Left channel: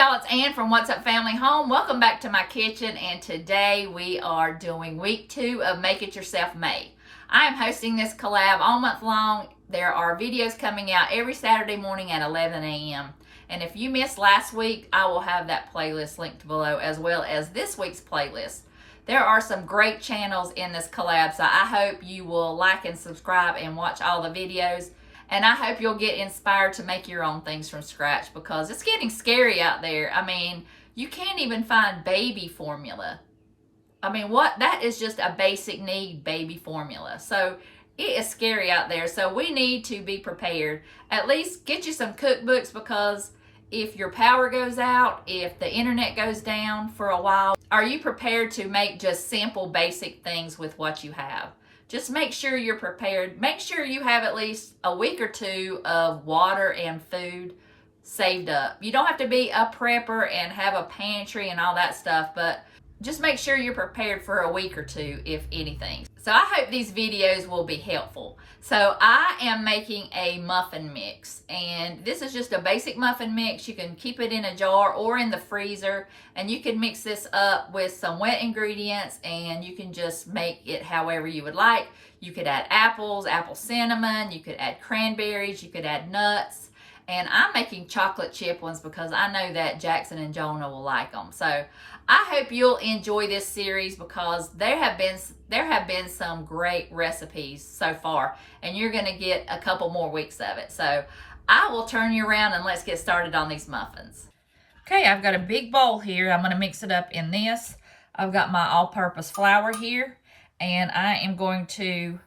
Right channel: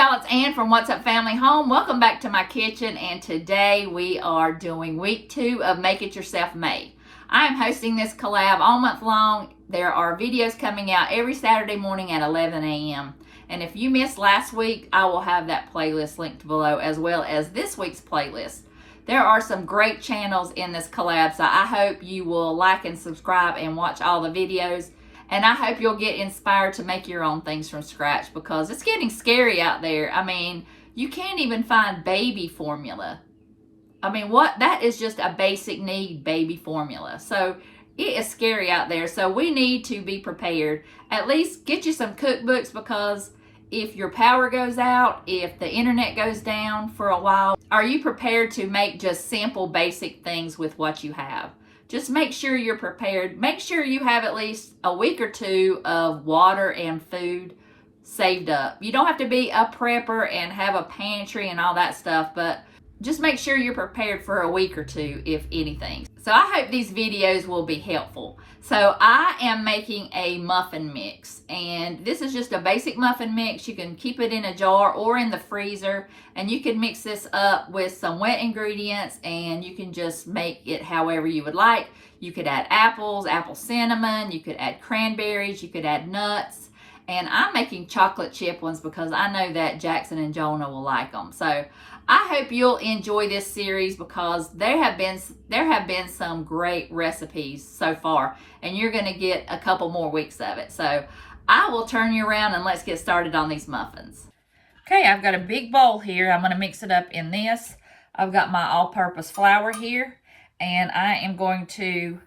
y'all, it's Ann from What's Up Family Home. Welcome back to my kitchen, and today we are doing week 2 of Make It Yourself May. I am hosting this collab all month long. There are videos coming out every Saturday morning at 11 a.m. And if you missed last week, I will have that playlist linked below as well as this week's playlist. There are some great channels in this collab, so I hope you will like and subscribe and watch all the videos. And I hope you'll get inspired to make your own things from scratch because it's getting scary out there. I mean, you can't even find baby formula. I mean, that is just a basic need, baby formula. So it is scary out there. So we need to be prepared. At least get you some cookbooks, because if your power goes out, if the internet goes down for a while, are you prepared to make just simple, basic things with what you have? Just make sure you're prepared. Make sure you have at least a week or two of water and food saved up. You don't have to be a prepper and have a pantry and all that stuff, but just make sure you're prepared for a week or two, if anything. So I hope these videos will be helpful. So I am making a muffin mix, and this is just a basic muffin mix. You can keep it in a jar or in the freezer, and you can mix this up with some wet ingredients, and you can just make it however you would like. You could add apples, apple cinnamon, you could add cranberries, you could add nuts, and I'm making chocolate chip ones because I know that Jackson and Jonah will like them. So I hope you'll enjoy this series because there have been some great recipes so far, and you're going to get a couple more weeks of it. So I will turn you around and let's get started on these muffins. Okay, I've got a big bowl here. I'm going to mix it up in this. I've got my all-purpose flour here, and I am going to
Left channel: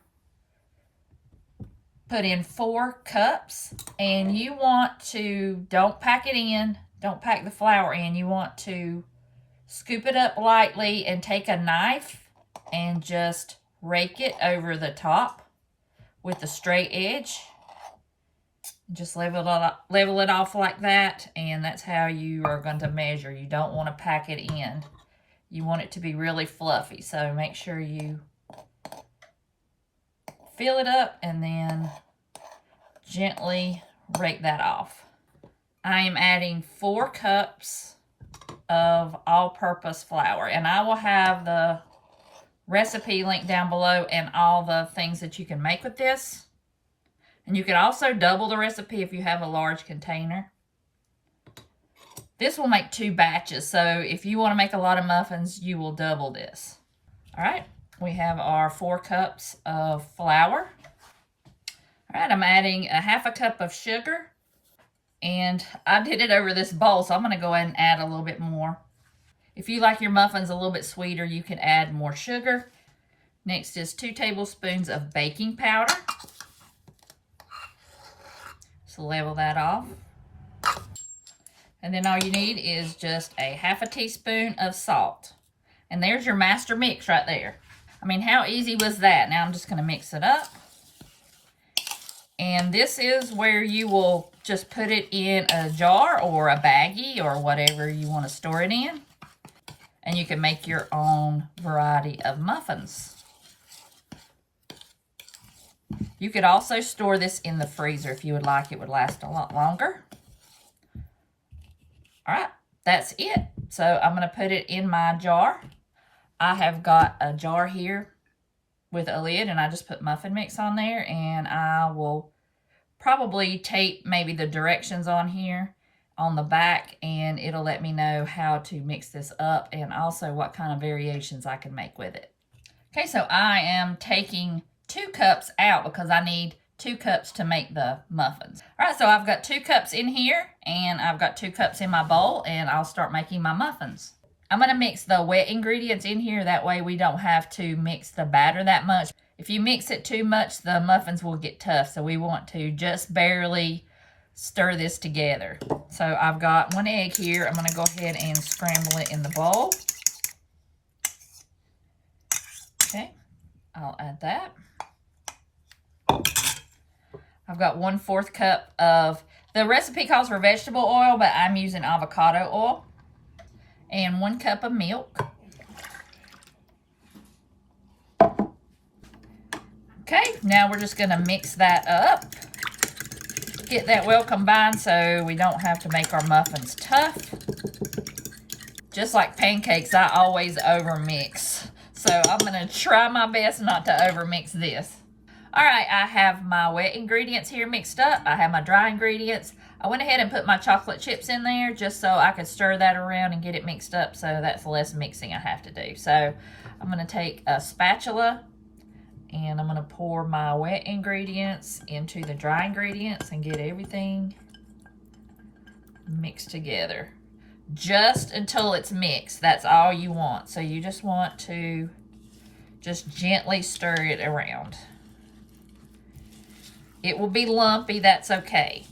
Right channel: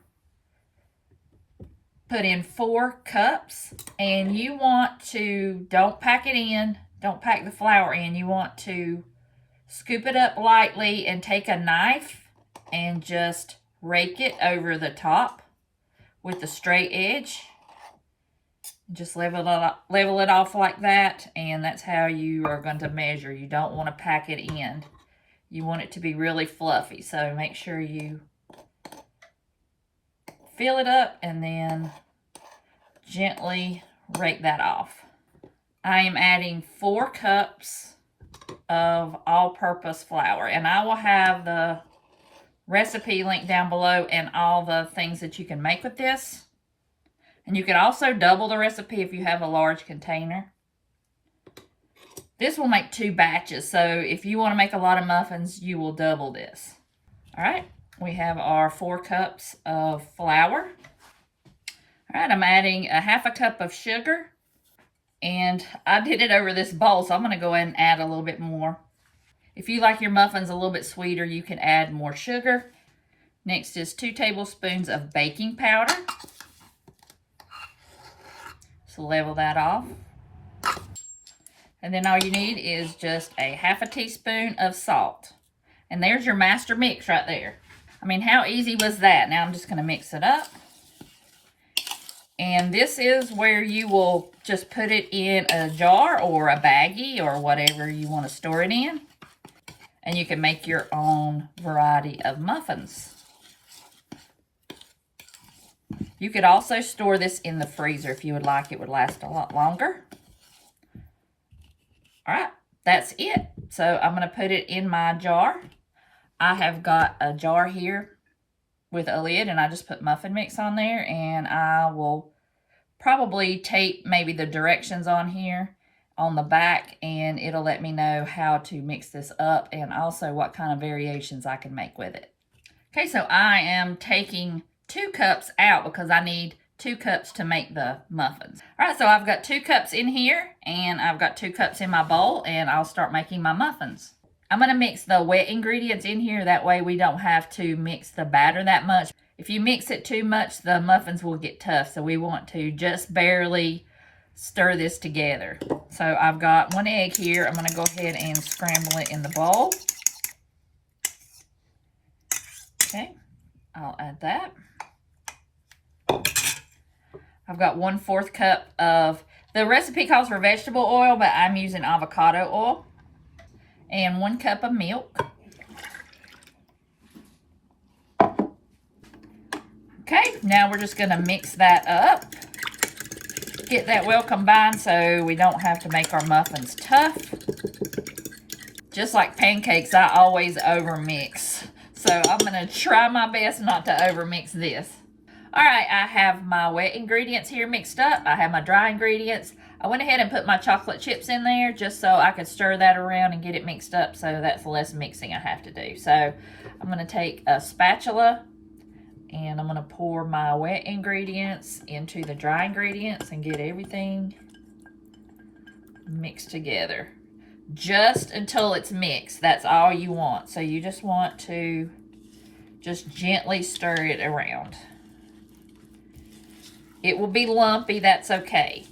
put in 4 cups, and you want to, don't pack it in, don't pack the flour in. You want to scoop it up lightly and take a knife and just rake it over the top with the straight edge. Just level it off like that, and that's how you are going to measure. You don't want to pack it in. You want it to be really fluffy, so make sure you fill it up and then gently rake that off. I am adding 4 cups of all-purpose flour, and I will have the recipe linked down below and all the things that you can make with this. And you can also double the recipe if you have a large container. This will make 2 batches, so if you want to make a lot of muffins, you will double this. All right, we have our 4 cups of flour. All right, I'm adding a half a cup of sugar. And I did it over this bowl, so I'm going to go ahead and add a little bit more. If you like your muffins a little bit sweeter, you can add more sugar. Next is 2 tablespoons of baking powder. So level that off. And then all you need is just a half a teaspoon of salt. And there's your master mix right there. I mean, how easy was that? Now I'm just going to mix it up. And this is where you will just put it in a jar or a baggie or whatever you want to store it in. And you can make your own variety of muffins. You could also store this in the freezer if you would like. It would last a lot longer. All right, that's it. So I'm going to put it in my jar. I have got a jar here with a lid, and I just put muffin mix on there, and I will probably tape maybe the directions on here on the back, and it'll let me know how to mix this up and also what kind of variations I can make with it. Okay, so I am taking 2 cups out because I need 2 cups to make the muffins. All right, so I've got 2 cups in here, and I've got 2 cups in my bowl, and I'll start making my muffins. I'm going to mix the wet ingredients in here. That way we don't have to mix the batter that much. If you mix it too much, the muffins will get tough. So we want to just barely stir this together. So I've got 1 egg here. I'm going to go ahead and scramble it in the bowl. Okay, I'll add that. I've got 1/4 cup of, the recipe calls for vegetable oil, but I'm using avocado oil. And 1 cup of milk. Okay, now we're just going to mix that up. get that well combined so we don't have to make our muffins tough. Just like pancakes, I always overmix. So I'm going to try my best not to overmix this. All right, I have my wet ingredients here mixed up. I have my dry ingredients. I went ahead and put my chocolate chips in there just so I could stir that around and get it mixed up, so that's less mixing I have to do. So I'm going to take a spatula and I'm going to pour my wet ingredients into the dry ingredients and get everything mixed together. Just until it's mixed. That's all you want. So you just want to just gently stir it around. It will be lumpy, that's okay.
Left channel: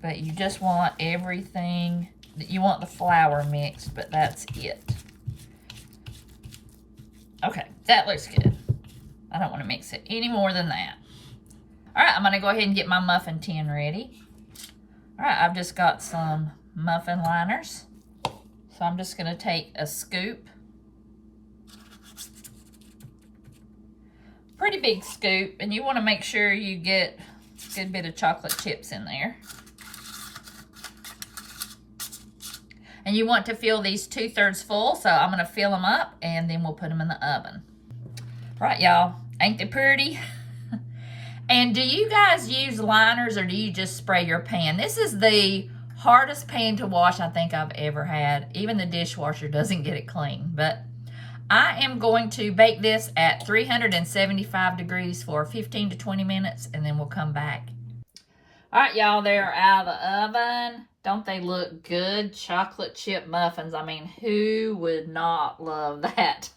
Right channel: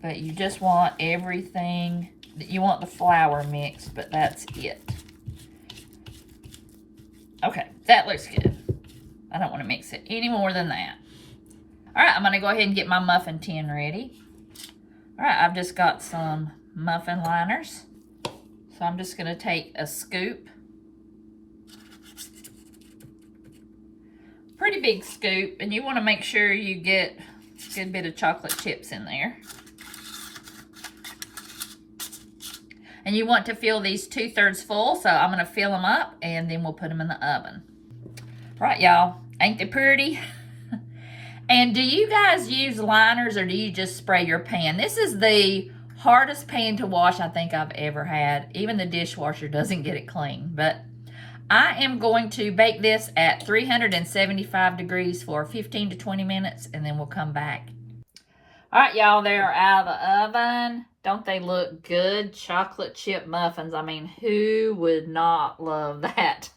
But you just want everything, you want the flour mixed, but that's it. Okay, that looks good. I don't want to mix it any more than that. All right, I'm going to go ahead and get my muffin tin ready. All right, I've just got some muffin liners. So I'm just going to take a scoop. Pretty big scoop, and you want to make sure you get a good bit of chocolate chips in there. And you want to fill these 2/3 full, so I'm going to fill them up and then we'll put them in the oven. Right, y'all, ain't they pretty? And do you guys use liners or do you just spray your pan? This is the hardest pan to wash I think I've ever had. Even the dishwasher doesn't get it clean. But I am going to bake this at 375 degrees for 15 to 20 minutes and then we'll come back. All right, y'all, they're out of the oven. Don't they look good? Chocolate chip muffins. I mean, who would not love that?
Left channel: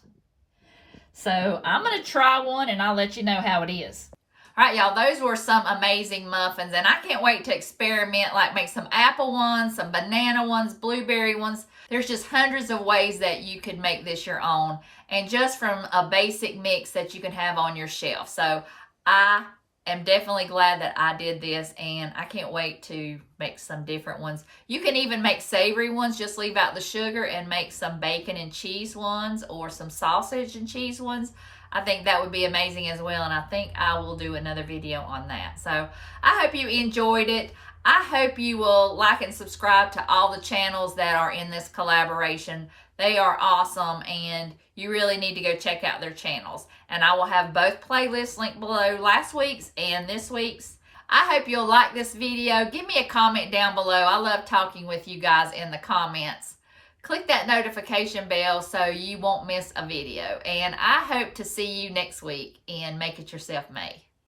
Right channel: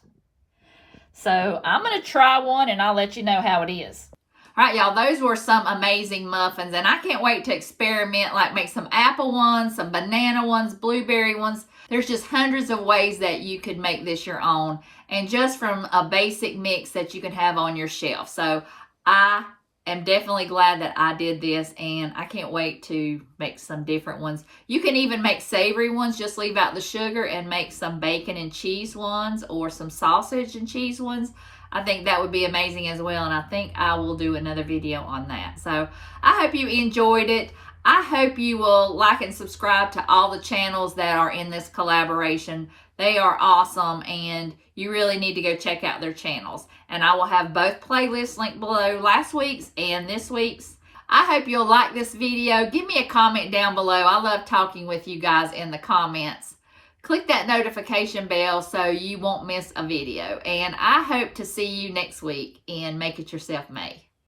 So I'm going to try one and I'll let you know how it is. All right, y'all, those were some amazing muffins, and I can't wait to experiment, like make some apple ones, some banana ones, blueberry ones. There's just hundreds of ways that you could make this your own, and just from a basic mix that you can have on your shelf. So I am definitely glad that I did this, and I can't wait to make some different ones. You can even make savory ones, just leave out the sugar and make some bacon and cheese ones or some sausage and cheese ones. I think that would be amazing as well, and I think I will do another video on that. So I hope you enjoyed it. I hope you will like and subscribe to all the channels that are in this collaboration. They are awesome, and you really need to go check out their channels. And I will have both playlists linked below, last week's and this week's. I hope you'll like this video. Give me a comment down below. I love talking with you guys in the comments. Click that notification bell so you won't miss a video. And I hope to see you next week in Make It Yourself May.